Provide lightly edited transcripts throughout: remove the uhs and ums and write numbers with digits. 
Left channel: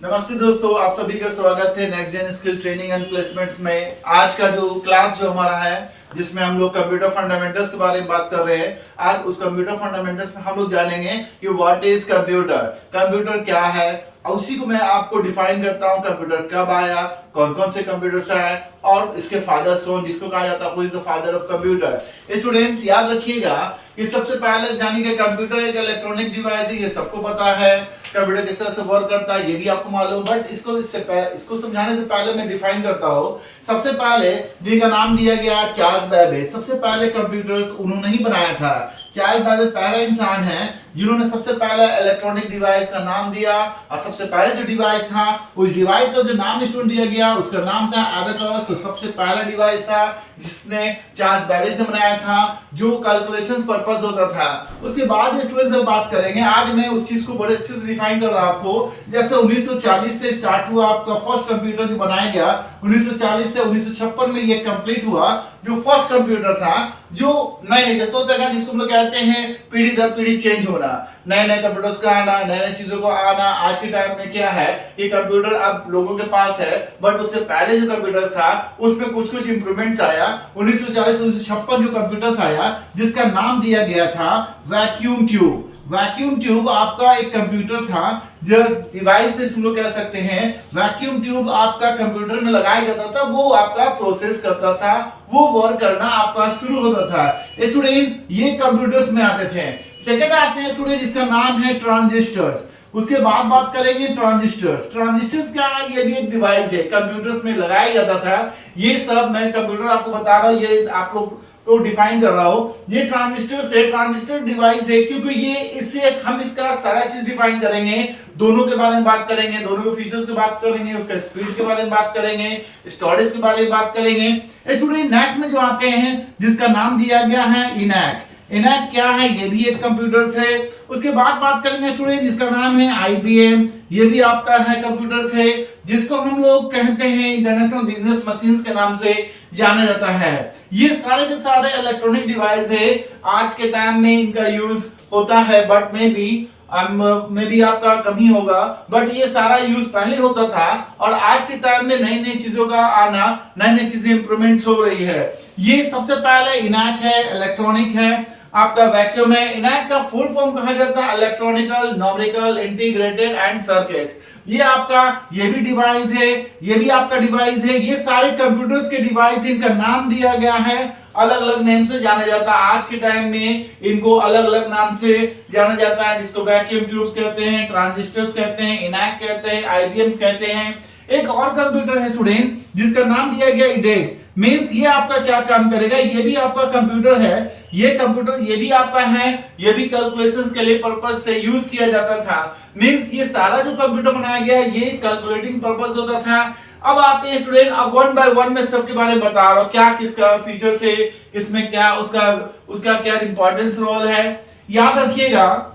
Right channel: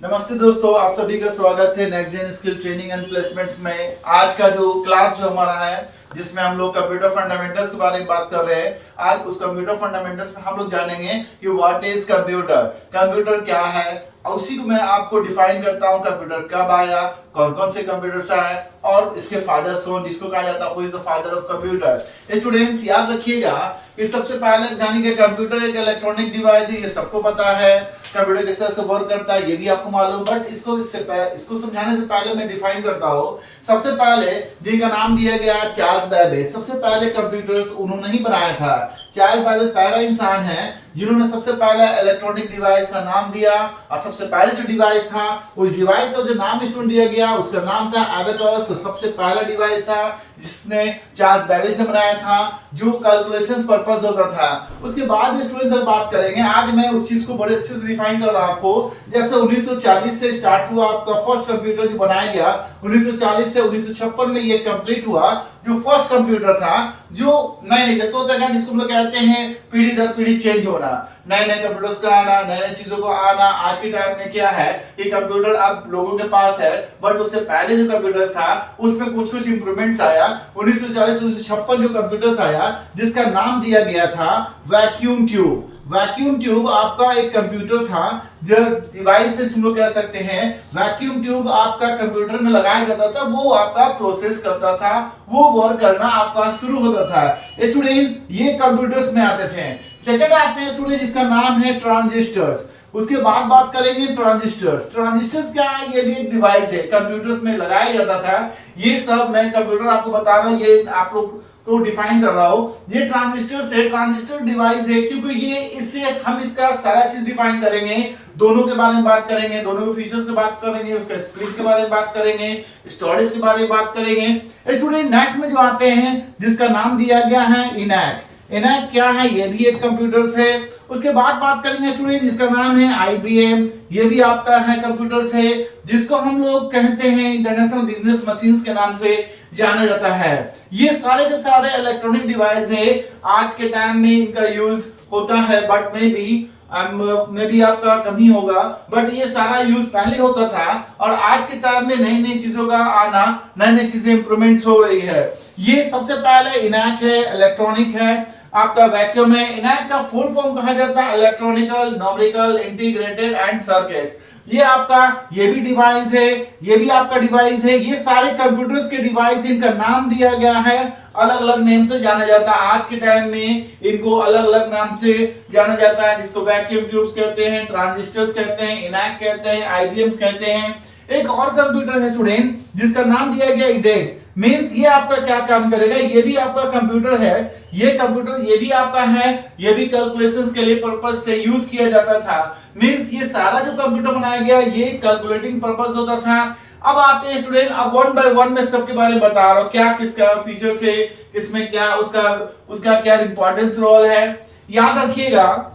नमस्ते दोस्तों, आप सभी का स्वागत है next gen skill training and placement में। आज का जो क्लास जो हमारा है जिसमें हम लोग कंप्यूटर फंडामेंटल्स के बारे में बात कर रहे हैं। आज उस कंप्यूटर फंडामेंटल्स में हम लोग जानेंगे कि व्हाट इज कंप्यूटर, कंप्यूटर क्या है, और उसी को मैं आपको डिफाइन करता हूँ। कंप्यूटर कब आया, कौन कौन से कंप्यूटर्स आए और इसके फादर्स कौन, जिसको कहा जाता है who is the father of computer. Students याद रखिएगा कि सबसे पहले जानी कि कंप्यूटर एक इलेक्ट्रॉनिक डिवाइस है, ये सबको पता है। कंप्यूटर किस तरह से वर्क करता है ये भी आपको मालूम, बट इसको समझाने से पहले मैं डिफाइन करता हूँ। सबसे पहले जिनका नाम दिया गया चार्ल्स बेबेज, सबसे पहले कंप्यूटर्स उन्होंने ही बनाया था। चार्ल्स बेबेज पहला इंसान है जिन्होंने सबसे पहले इलेक्ट्रॉनिक डिवाइस का नाम दिया, और सबसे पहले जो डिवाइस था उस डिवाइस का जो नाम स्टूडेंट दिया गया उसका नाम था एबेकस। सबसे पहला डिवाइस था जिसने चार्ल्स बेबेज ने बनाया था, जो कैलकुलेशंस पर्पस होता था। उसके बाद स्टूडेंट्स अब बात करेंगे, आज मैं उस चीज को बड़े अच्छे से डिफाइन कर रहा हूं आपको। जैसे 1940 से स्टार्ट हुआ आपका फर्स्ट कंप्यूटर जो बनाया गया, 1940 से 1956 में ये कंप्लीट हुआ जो फर्स्ट कंप्यूटर था। जो नए जैसे होता है जिसको हम लोग कहते हैं पीढ़ी दर पीढ़ी चेंज होना, नए नए कंप्यूटर्स का आना, नए नए चीजों को आना। आज के टाइम में क्या है कि कंप्यूटर अब लोगों के पास है, बट उससे पहले जो कंप्यूटर था उसमें कुछ कुछ इंप्रूवमेंट्स आया। 1940-1956 जो कंप्यूटर्स आया जिसका नाम दिया गया था वैक्यूम ट्यूब। वैक्यूम ट्यूब आपका एक कंप्यूटर था, जो डिवाइस से हम लोग कह सकते हैं। वैक्यूम ट्यूब आपका कंप्यूटर में लगाया जाता था, वो आपका प्रोसेस करता था, वो वर्क करना आपका शुरू होता था। स्टूडेंट ये कंप्यूटर्स में आते थे। सेकंड आते हैं स्टूडेंट जिसका नाम है ट्रांजिस्टर्स। उसके बाद बात करेंगे ट्रांजिस्टर्स। ट्रांजिस्टर्स क्या है? ये भी एक डिवाइस है, कंप्यूटर्स में लगाया जाता था। ये सब मैं कंप्यूटर आपको बता रहा हूँ, ये आप लोग तो डिफाइन कर रहा हूं। ये ट्रांजिस्टर से ट्रांजिस्टर डिवाइस है, क्योंकि ये इससे हम इसका सारा चीज डिफाइन करेंगे। दोनों के बारे में बात करेंगे, दोनों के फीचर्स की बात करेंगे, उसका स्पीड के बारे में बात करेंगे, स्टोरेज के बारे में बात करेंगे। स्टूडेंट नेक्स्ट में जो आते हैं जिसका नाम दिया गया है इनैक। इनैक क्या है? ये भी एक कंप्यूटर्स है। उसके बाद बात करेंगे स्टूडेंट जिसका नाम है आईबीएम। ये भी आपका है कंप्यूटर्स है, जिसको हम लोग कहते हैं इंटरनेशनल बिजनेस मशीन्स के नाम से जाना जाता है। ये सारे के सारे इलेक्ट्रॉनिक डिवाइस है। आज के टाइम में इनका यूज होता है, बट में भी आपका कम ही होगा, बट ये सारा यूज पहले होता था। और आज के टाइम में नई नई चीजों का आना, नई नई चीजें इंप्रूवमेंट हो रही है। ये सबसे पहले इनैक है, इलेक्ट्रॉनिक है, आपका वैक्यूम है। इनैक का फुल फॉर्म कहा जाता है electronical numerical integrated and circuit. ये आपका ये भी डिवाइस है, ये भी आपका डिवाइस है। ये सारे कंप्यूटर्स के डिवाइस, इनका नाम दिया गया है, अलग अलग नेम से जाना जाता है। आज के टाइम में इनको अलग अलग नाम से जाना जाता है, जिसको वैक्यूम ट्यूब्स कहते हैं, ट्रांजिस्टर्स कहते हैं, इनैक कहते हैं, आईबीएम कहते हैं। एक और कंप्यूटर है स्टूडेंट जिसका नाम दिया गया इडेट। मींस ये आपका क्या काम करेगा? ये भी आपका कंप्यूटर है। ये कंप्यूटर ये भी आपका है, ये भी कैलकुलेशंस के लिए पर्पस से यूज किया जाता था। मींस ये सारा जो कंप्यूटर बनाया गया ये कैलकुलेटिंग पर्पस होता था। अब आते हैं स्टूडेंट, अब वन बाय वन में सबके बारे में बता रहा हूं, क्या किसका फीचर्स है, इसमें क्या उसका क्या इंपॉर्टेंस रोल है। याद रखिएगा,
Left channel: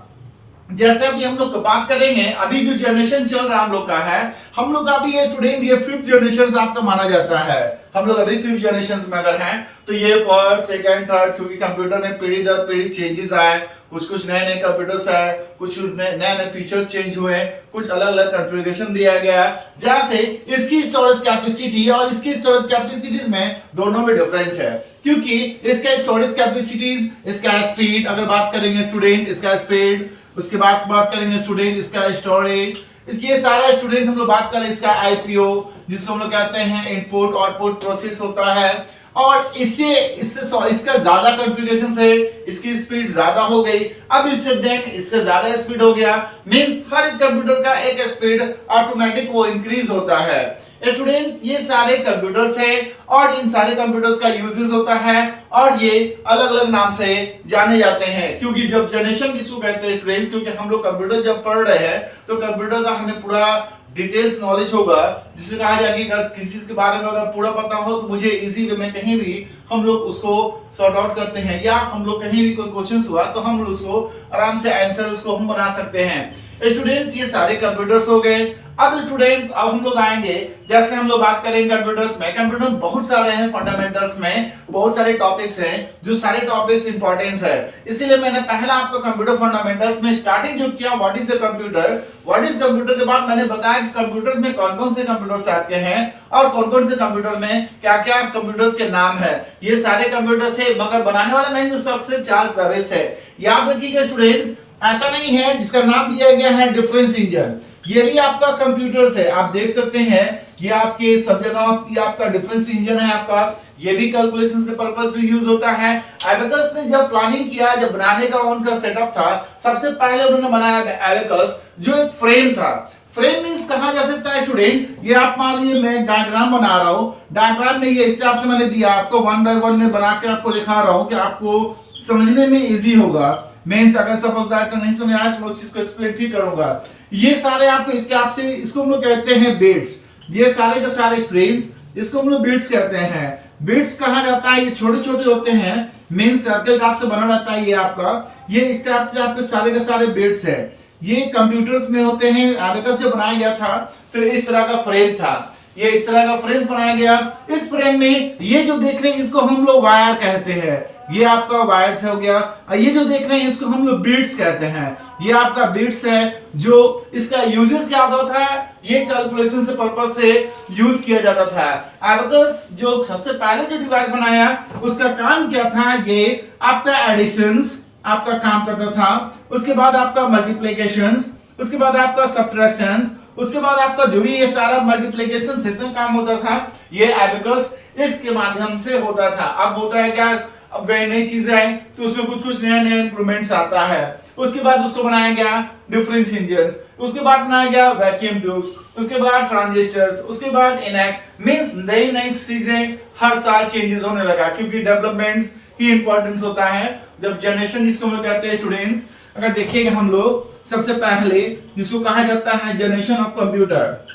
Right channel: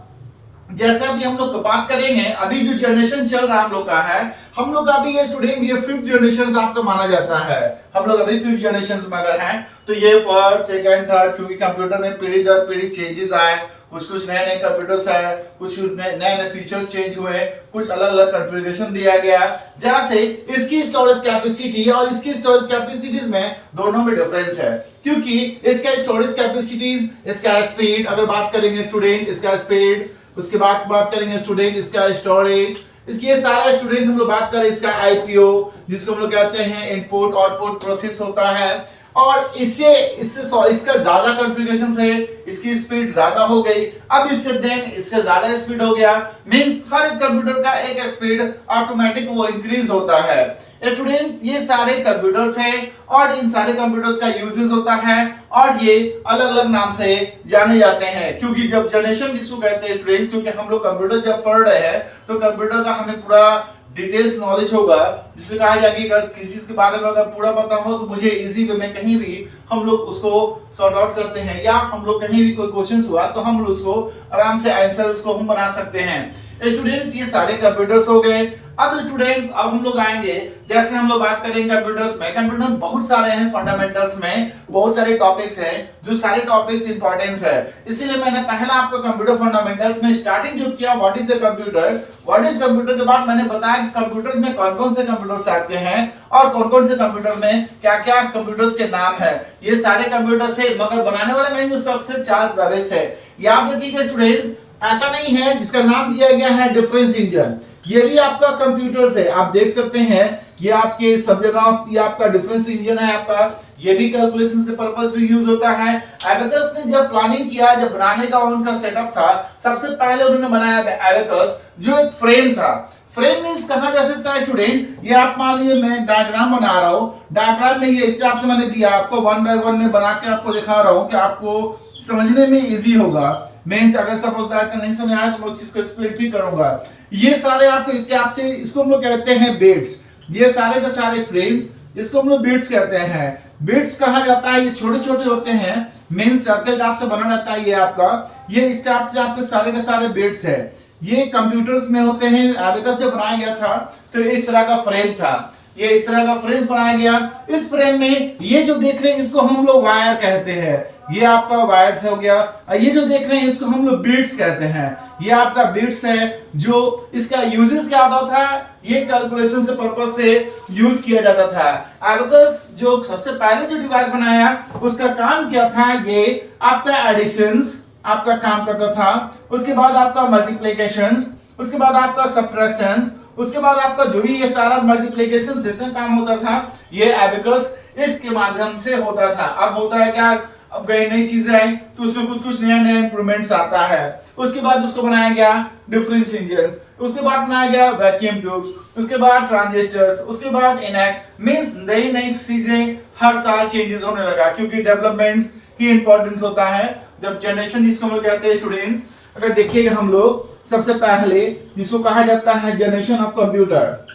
जैसे अभी हम लोग बात करेंगे, अभी जो जनरेशन चल रहा है हम लोग का है, हम लोग अभी ये स्टूडेंट ये 5th जनरेशन आपका माना जाता है। हम लोग अभी 5th जनरेशन में अगर हैं तो ये फर्स्ट सेकंड थर्ड, क्योंकि कंप्यूटर में पीढ़ी दर पीढ़ी चेंजेस आए, कुछ कुछ नए नए कंप्यूटर्स आए, कुछ नए नए फीचर्स चेंज हुए, कुछ अलग अलग कॉन्फ़िगरेशन दिया गया, जहां से इसकी स्टोरेज कैपेसिटी और इसकी स्टोरेज कैपेसिटीज में दोनों में डिफरेंस है। क्योंकि इसका स्टोरेज कैपेसिटीज, इसका स्पीड, अगर बात करेंगे स्टूडेंट इसका स्पीड, उसके बाद बात करेंगे स्टूडेंट इसका स्टोरेज, इसकी ये सारा स्टूडेंट हम लोग बात करें इसका आईपीओ, जिसको हम लोग कहते हैं इनपुट आउटपुट प्रोसेस होता है। और इससे इसका ज्यादा कॉन्फ़िगरेशन है, इसकी स्पीड ज्यादा हो गई। अब इससे देन इससे ज्यादा स्पीड हो गया, मींस हर कंप्यूटर का एक स्पीड ऑटोमेटिक वो इंक्रीज होता है। स्टूडेंट्स ये सारे कंप्यूटर्स हैं और इन सारे कंप्यूटर्स का यूजेस होता है और ये अलग अलग नाम से जाने जाते हैं। क्योंकि जब जनरेशन जिसको कहते हैं स्टूडेंट्स, क्योंकि हम लोग कंप्यूटर जब पढ़ रहे हैं तो कंप्यूटर का हमें पूरा डिटेल्स नॉलेज होगा, जिसे कहा जाए कि अगर किसी चीज के बारे में अगर पूरा पता हो तो मुझे इजी वे में कहीं भी हम लोग उसको सॉर्ट आउट करते हैं, या हम लोग कहीं भी कोई क्वेश्चन हुआ तो हम लोग उसको आराम से आंसर उसको हम बना सकते हैं। स्टूडेंट्स ये सारे कंप्यूटर्स हो गए। अब स्टूडेंट्स अब हम लोग आएंगे, जैसे हम लोग बात करेंगे कंप्यूटर्स में, कंप्यूटर बहुत सारे हैं, फंडामेंटल्स में बहुत सारे टॉपिक्स हैं, जो सारे टॉपिक्स इंपॉर्टेंस है। इसीलिए मैंने पहला आपको कंप्यूटर फंडामेंटल्स में स्टार्टिंग जो किया what is a computer, what is computer के बाद मैंने बताया कि कंप्यूटर में कौन कौन से कंप्यूटर्स आपके हैं और कौन कौन से कंप्यूटर में क्या क्या कंप्यूटर्स के नाम है। ये सारे कंप्यूटर्स है, मगर बनाने वाला मैन जो सबसे चार्ल्स बेबेज है। याद रखिएगा स्टूडेंट्स, ऐसा नहीं है जिसका नाम दिया गया है डिफरेंस इंजन, ये भी आपका कंप्यूटर्स है। आप देख सकते हैं ये आपके सब जगह ये आपका डिफरेंस इंजन है आपका, ये भी कैलकुलेशन के पर्पस में यूज होता है। एबेकस ने जब प्लानिंग किया, जब बनाने का उनका सेटअप था, सबसे पहले उन्होंने बनाया एबेकस जो एक फ्रेम था। फ्रेम मींस कहा जा सकता है स्टूडेंट, ये आप मान लीजिए मैं डायग्राम बना रहा हूं, डायग्राम में ये स्टेप्स मैंने दिया आपको, 1 बाय 1 में बना के आपको दिखा रहा हूं कि आपको समझने में इजी होगा। मींस अगर सपोज दैट नहीं समझ आया तो मैं उस चीज को एक्सप्लेन भी करूंगा। ये सारे आपको स्टेप से, इसको हम लोग कहते हैं बिट्स। ये सारे के सारे स्ट्रिंग्स, इसको हम लोग बिट्स कहते हैं। बिट्स कहा जाता है, ये छोटे छोटे होते हैं, मींस सर्कल टाइप से बना रहता है ये आपका। ये स्टेप से आपके सारे के सारे बिट्स है, ये कंप्यूटर्स में होते हैं। एबेकस से बनाया गया था तो इस तरह का फ्रेम था, ये इस तरह का फ्रेम बनाया गया। इस फ्रेम में ये जो देख रहे हैं इसको हम लोग वायर कहते हैं, ये आपका वायर्स हो गया। और ये जो देख रहे हैं इसको हम लोग बीट्स कहते हैं, ये आपका बीट्स है। जो इसका यूजेस क्या होता था, ये कैलकुलेशन से पर्पस से यूज किया जाता था। एबेकस जो सबसे पहले जो डिवाइस बनाया उसका काम क्या था, ये आपका एडिशंस आपका काम करता था, उसके बाद आपका मल्टीप्लिकेशंस, उसके बाद आपका सबट्रैक्शंस, उसके बाद आपका जो भी ये सारा मल्टीप्लिकेशन से इतना काम होता था, ये एबेकस इसके माध्यम से होता था। अब होता है क्या, अब नई चीजें आई तो उसमें कुछ कुछ नया नया इंप्रूवमेंट्स आता है। उसके बाद उसको बनाया गया डिफरेंस इंजन्स, उसके बाद बनाया गया वैक्यूम ट्यूब्स, उसके बाद ट्रांजिस्टर्स, उसके बाद इनएक्स। मींस नई नई चीजें हर साल चेंजेस होने लगा, क्योंकि डेवलपमेंट ही इंपॉर्टेंस होता है। जब जनरेशन जिसको हम कहते हैं स्टूडेंट्स, अगर देखिएगा हम लोग सबसे पहले जिसको कहा जाता है जनरेशन ऑफ कंप्यूटर।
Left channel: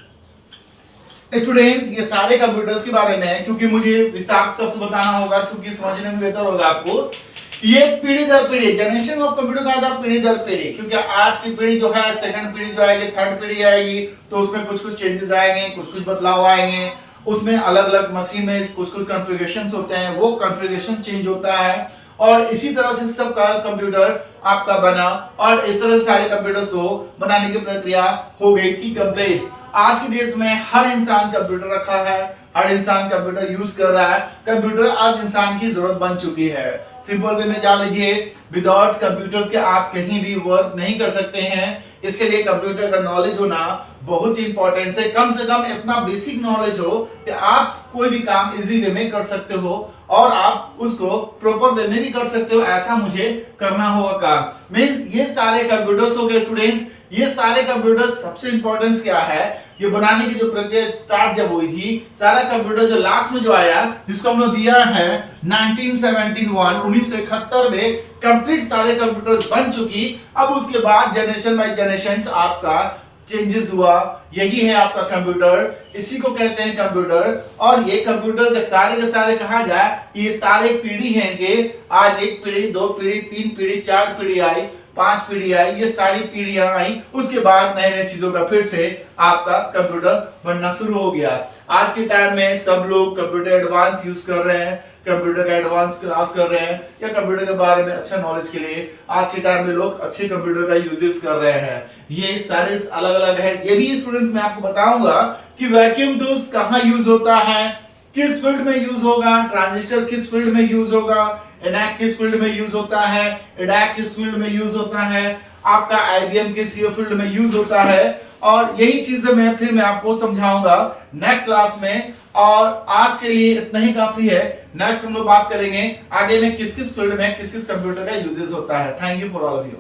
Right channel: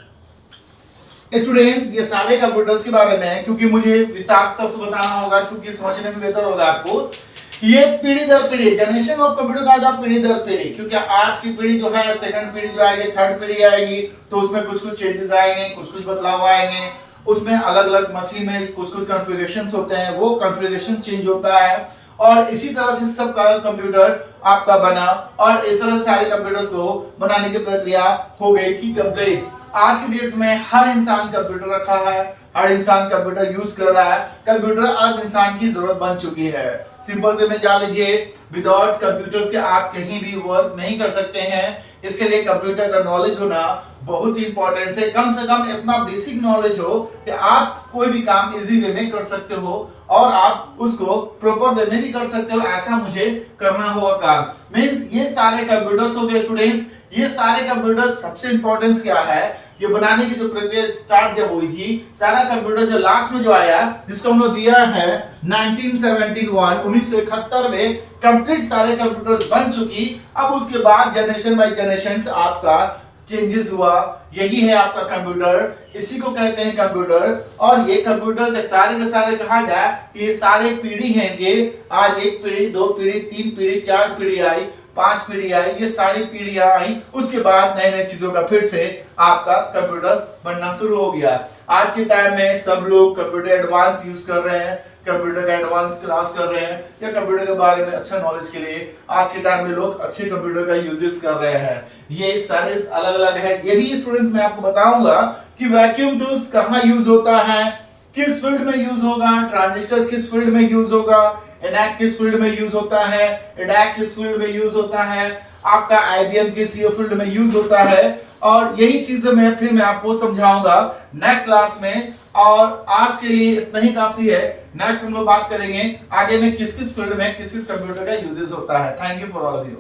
स्टूडेंट्स ये सारे कंप्यूटर्स के बारे में, क्योंकि मुझे विस्तार से बताना होगा, क्योंकि समझने में बेहतर होगा आपको। ये पीढ़ी दर पीढ़ी, जनरेशन ऑफ कंप्यूटर का था पीढ़ी दर पीढ़ी, क्योंकि आज की पीढ़ी जो है, सेकंड पीढ़ी जो आएगी, थर्ड पीढ़ी आएगी, तो उसमें कुछ कुछ चेंजेस आएंगे, कुछ कुछ बदलाव आएंगे। उसमें अलग अलग मशीन में कुछ कुछ कॉन्फ़िगरेशंस होते हैं, वो कॉन्फ़िगरेशन चेंज होता है। और इसी तरह से सब का कंप्यूटर आपका बना, और इस तरह से सारे कंप्यूटर्स को बनाने की प्रक्रिया हो गई थी कंप्लीट। आज की डेट्स में हर इंसान कंप्यूटर रखा है, हर इंसान कंप्यूटर यूज कर रहा है। कंप्यूटर आज इंसान की जरूरत बन चुकी है। सिंपल वे में जान लीजिए, विदाउट कंप्यूटर्स के आप कहीं भी वर्क नहीं कर सकते हैं। इसके लिए कंप्यूटर का नॉलेज होना बहुत ही इंपॉर्टेंट है। कम से कम इतना बेसिक नॉलेज हो कि आप कोई भी काम इजी वे में कर सकते हो और आप उसको प्रॉपर वे में भी कर सकते हो। ऐसा मुझे करना होगा काम। मींस ये सारे कंप्यूटर्स हो गए स्टूडेंट्स। ये सारे कंप्यूटर्स सबसे इंपॉर्टेंस क्या है, ये बनाने की जो प्रक्रिया स्टार्ट जब हुई थी, सारा कंप्यूटर जो लास्ट में जो आया, जिसको हम लोग दिया है 1971 में कंप्लीट सारे कंप्यूटर बन चुकी। अब उसके बाद जनरेशन बाय जनरेशन आपका चेंजेस हुआ। यही है आपका कंप्यूटर, इसी को कहते हैं कंप्यूटर। और ये कंप्यूटर के सारे कहा जाए, ये सारे पीढ़ी हैं। ये आज एक पीढ़ी, 2 पीढ़ी, 3 पीढ़ी, 4 पीढ़ी आई, 5 पीढ़ी आई, ये सारी पीढ़ियां आई। उसके बाद नए नए चीजों का फिर से आपका कंप्यूटर बनना शुरू हो गया। आज के टाइम में सब लोग कंप्यूटर एडवांस यूज कर रहे हैं, कंप्यूटर का एडवांस क्लास कर रहे हैं, या कंप्यूटर के बारे में अच्छा नॉलेज के लिए आज के टाइम में लोग अच्छे कंप्यूटर का यूजेस कर रहे हैं। ये सारे अलग अलग है। ये भी स्टूडेंट्स मैं आपको बताऊंगा कि वैक्यूम ट्यूब्स कहाँ यूज होता है, किस फील्ड में यूज होगा, ट्रांजिस्टर किस फील्ड में यूज होगा, एनएक किस फील्ड में यूज होता है, एडैक किस फील्ड में यूज होता है, आपका आईबीएम किस फील्ड में यूज होता है। और यही चीजें मैं आपको समझाऊंगा नेक्स्ट क्लास में। और आज के लिए इतना ही काफी है। नेक्स्ट हम लोग बात करेंगे आगे में किस किस फील्ड में किस किस कंप्यूटर का यूजेस होता है। Thank you for all of you.